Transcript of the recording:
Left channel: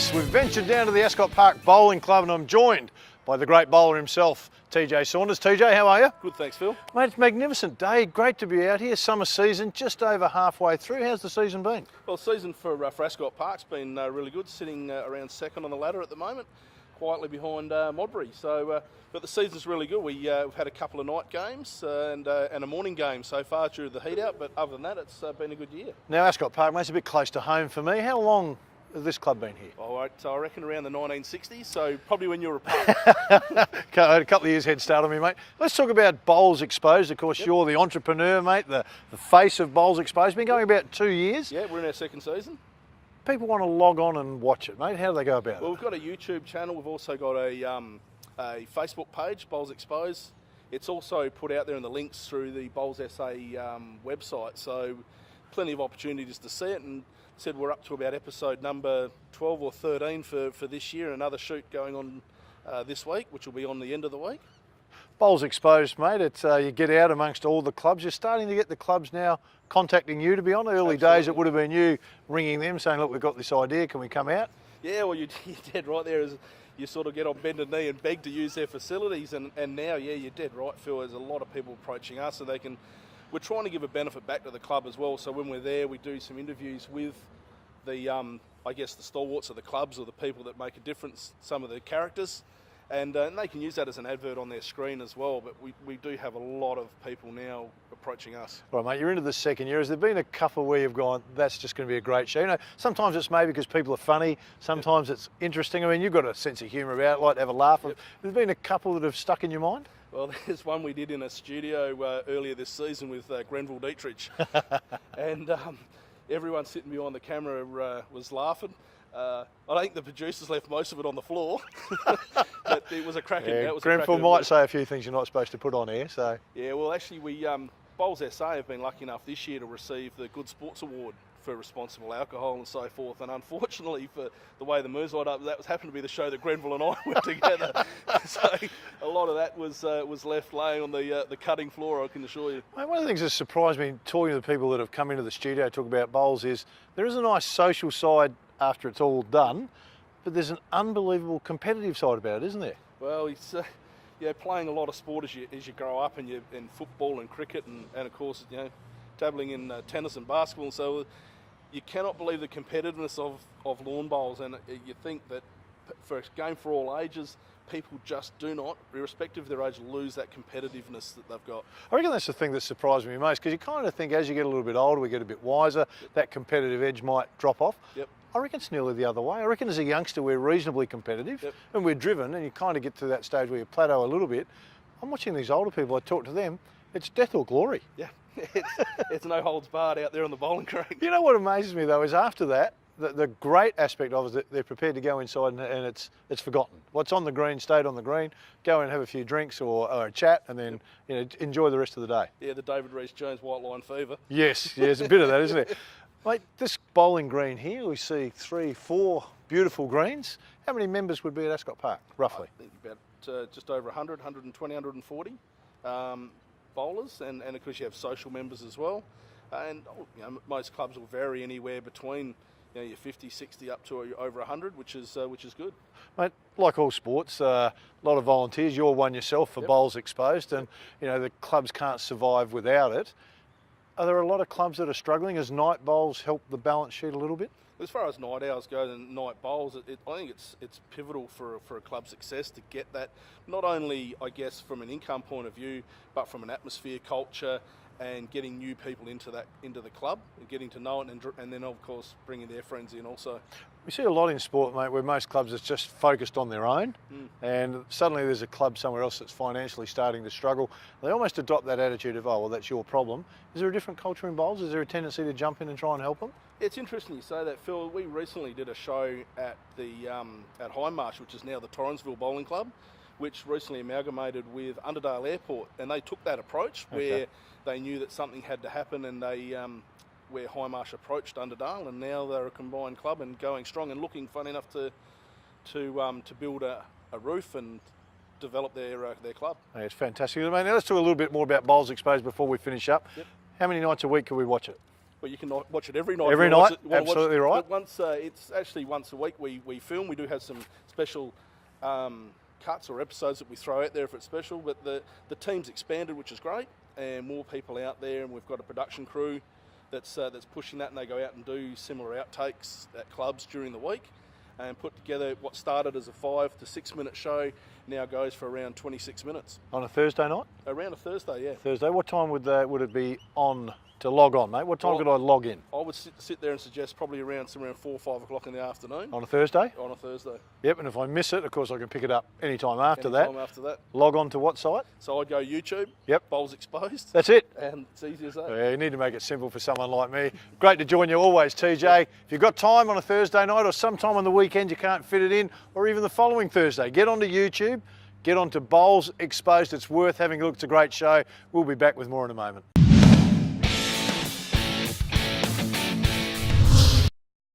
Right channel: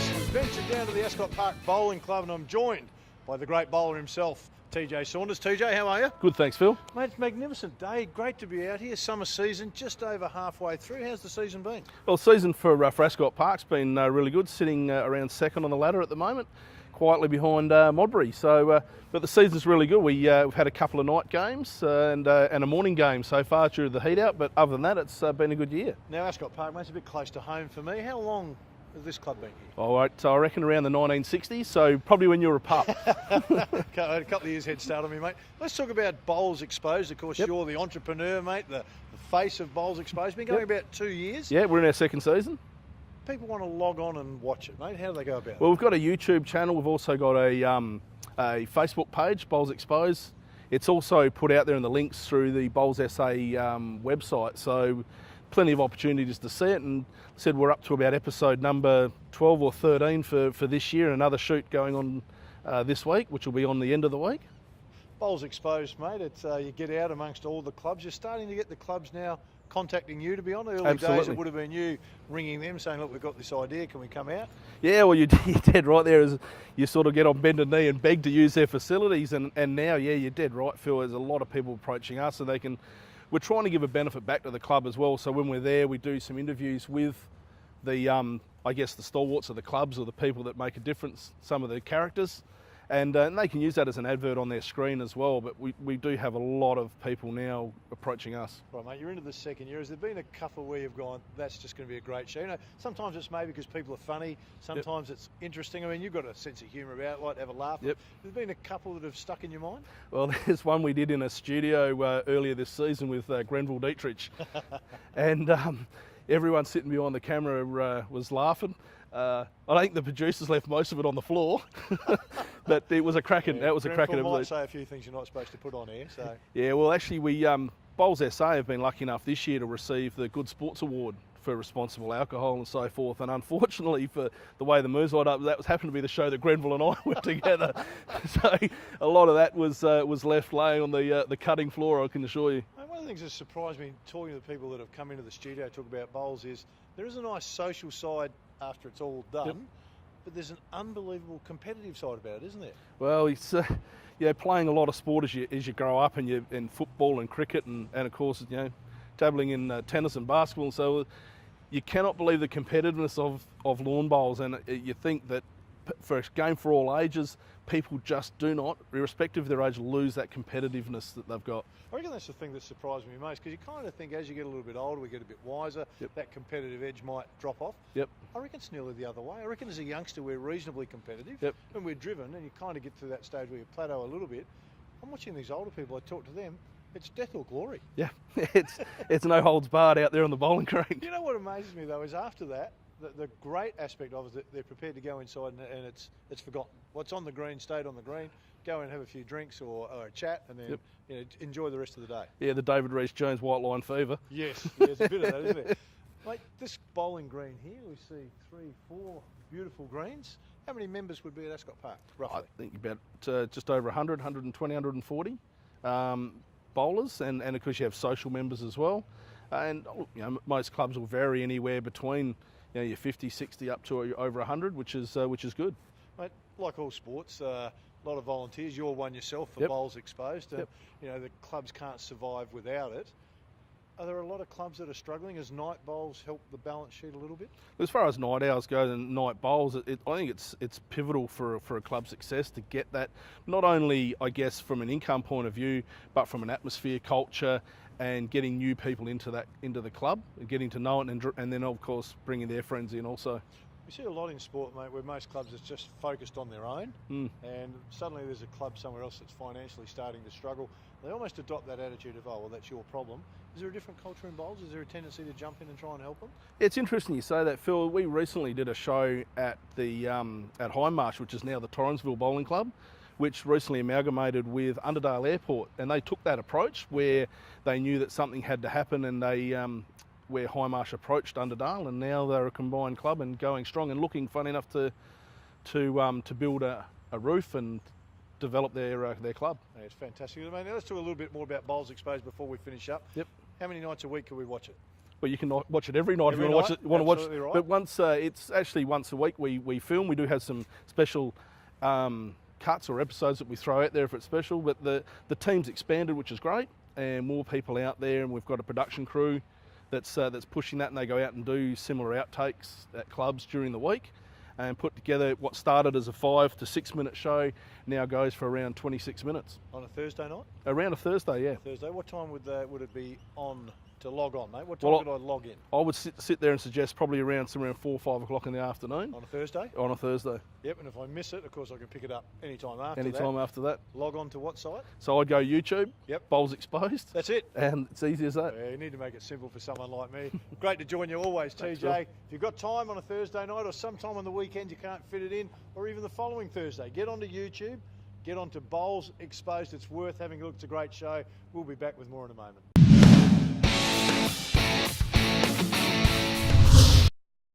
Saunders. We've ventured down to the Ascot Park Bowling Club and I'm joined by the great bowler himself, TJ Saunders. TJ, how are you? Good, thanks, Phil. Mate, it's a magnificent day. Great to be out here. Summer season just over halfway through. How's the season been? Well, the season for Ascot Park's been really good, sitting around second on the ladder at the moment, quietly behind Modbury. But the season's really good. We've had a couple of night games and a morning game so far due to the heat out, but other than that, it's been a good year. Now, Ascot Park, mate, it's a bit close to home for me. How long has this club been here? All right, so I reckon around the 1960s, so probably when you were a pup. A couple of years head start on me, mate. Let's talk about Bowls Exposed. Of course, You're the entrepreneur, mate, the face of Bowls Exposed. Been going about 2 years. Yeah, we're in our second season. People want to log on and watch it, mate. How do they go about it? Well, we've got a YouTube channel. We've also got a Facebook page, Bowls Exposed. It's also put out there in the links through the Bowls SA website, so plenty of opportunities to see it. And said we're up to about episode number 12 or 13 for this year. Another shoot going on this week, which will be on the end of the week. Bowls Exposed, mate. It's you get out amongst all the clubs. You're starting to get the clubs now contacting you, to be honest. Early days, it would have been you ringing them saying, look, we've got this idea, can we come out? Yeah, well, you're dead right there. Is you sort of get on bended knee and beg to use their facilities. And now, yeah, you're dead right, Phil. There's a lot of people approaching us, and we're trying to give a benefit back to the club as well. So when we're there, we do some interviews with the, I guess, the stalwarts of the clubs or the people that make a difference, some of the characters. And they can use that as an advert on their screen as well. But we do have a lot of people now approaching us. Right, mate, you're into the second year. Has there been a couple where you've gone, that's just going to be a great show? You know, sometimes it's maybe because people are funny. Sometimes it's interesting. I mean, you've got a sense of humour about it, like to have a laugh. Yep. Has there been a couple that have stuck in your mind? Well, there's one we did in a studio earlier this season with Grenville Dietrich. And everyone sitting behind the camera was laughing. I think the producers left most of it on the floor, but it was a cracking. Yeah, that was Grenville a cracking. Might say a few things you're not supposed to put on air. So yeah, well, actually, we Bowls SA have been lucky enough this year to receive the Good Sports Award for responsible alcohol and so forth. And unfortunately, for the way the moves lined up, that happened to be the show that Grenville and I were together. So a lot of that was left laying on the cutting floor, I can assure you. Mate, one of the things that surprised me talking to the people that have come into the studio to talk about bowls is there is a nice social side after it's all done, but there's an unbelievable competitive side about it, isn't there? Well, it's playing a lot of sport as you grow up, and you in football and cricket, and of course dabbling in tennis and basketball, and so you cannot believe the competitiveness of lawn bowls, and you think that for a game for all ages, people just do not, irrespective of their age, lose that competitiveness that they've got. I reckon that's the thing that surprised me most, because you kind of think as you get a little bit older, we get a bit wiser, that competitive edge might drop off. Yep. I reckon it's nearly the other way. I reckon as a youngster, we're reasonably competitive, and we're driven, and you kind of get to that stage where you plateau a little bit. I'm watching these older people, I talk to them, it's death or glory. Yeah, it's no holds barred out there on the bowling green. You know what amazes me though is after that, the great aspect of it is that they're prepared to go inside and it's forgotten. What's on the green stayed on the green. Go and have a few drinks or a chat, and then enjoy the rest of the day. Yeah, the David Rees-Jones white line fever. Yes, there's a bit of that, isn't there? Mate, this bowling green here, we see 3, 4 beautiful greens. How many members would be at Ascot Park, roughly? I think about just over 100, 120, 140 bowlers, and of course you have social members as well. And most clubs will vary anywhere between your 50, 60 up to over 100, which is good. Mate, like all sports, a lot of volunteers. You're one yourself for Bowls Exposed, and the clubs can't survive without it. Are there a lot of clubs that are struggling? Has night bowls help the balance sheet a little bit? As far as night owls go and night bowls, I think it's pivotal for a club's success to get that, not only, I guess, from an income point of view, but from an atmosphere, culture, and getting new people into the club, and getting to know it, and then, of course, bringing their friends in also. We see a lot in sport, mate, where most clubs are just focused on their own, and suddenly there's a club somewhere else that's financially starting to struggle. They almost adopt that attitude of, oh, well, that's your problem. Is there a different culture in bowls? Is there a tendency to jump in and try and help them? It's interesting you say that, Phil. We recently did a show at the at Hindmarsh, which is now the Torrensville Bowling Club, which recently amalgamated with Underdale Airport, and they took that approach where they knew that something had to happen, and they where Hindmarsh approached Underdale, and now they're a combined club and going strong and looking, funny enough, to build a roof and develop their club. Yeah, it's fantastic. I mean, now let's talk a little bit more about Bowls Exposed before we finish up. Yep. How many nights a week can we watch it? Well, you can watch it every night. Every if you night, wanna watch absolutely right. But it's actually once a week we film. We do have some special cuts or episodes that we throw out there if it's special. But the team's expanded, which is great, and more people out there, and we've got a production crew that's pushing that, and they go out and do similar outtakes at clubs during the week, and put together what started as a 5 to 6 minute show now goes for around 26 minutes. On a Thursday night? Around a Thursday, yeah. Thursday. What time would it be on to log on, mate? What time could I log in? I would sit there and suggest probably somewhere around 4 or 5 o'clock in the afternoon. On a Thursday? On a Thursday. Yep, and if I miss it, of course, I can pick it up anytime after Anytime after that. Log on to what site? So I'd go YouTube, Yep. Bowls Exposed. That's it. And it's easy as that. Yeah, you need to make it simple for someone like me. Great to join you always, TJ. If you've got time on a Thursday night or sometime on the weekend you can't fit it in, or even the following Thursday, get onto YouTube, get onto Bowls Exposed. It's worth having a look. It's a great show. We'll be back with more in a moment.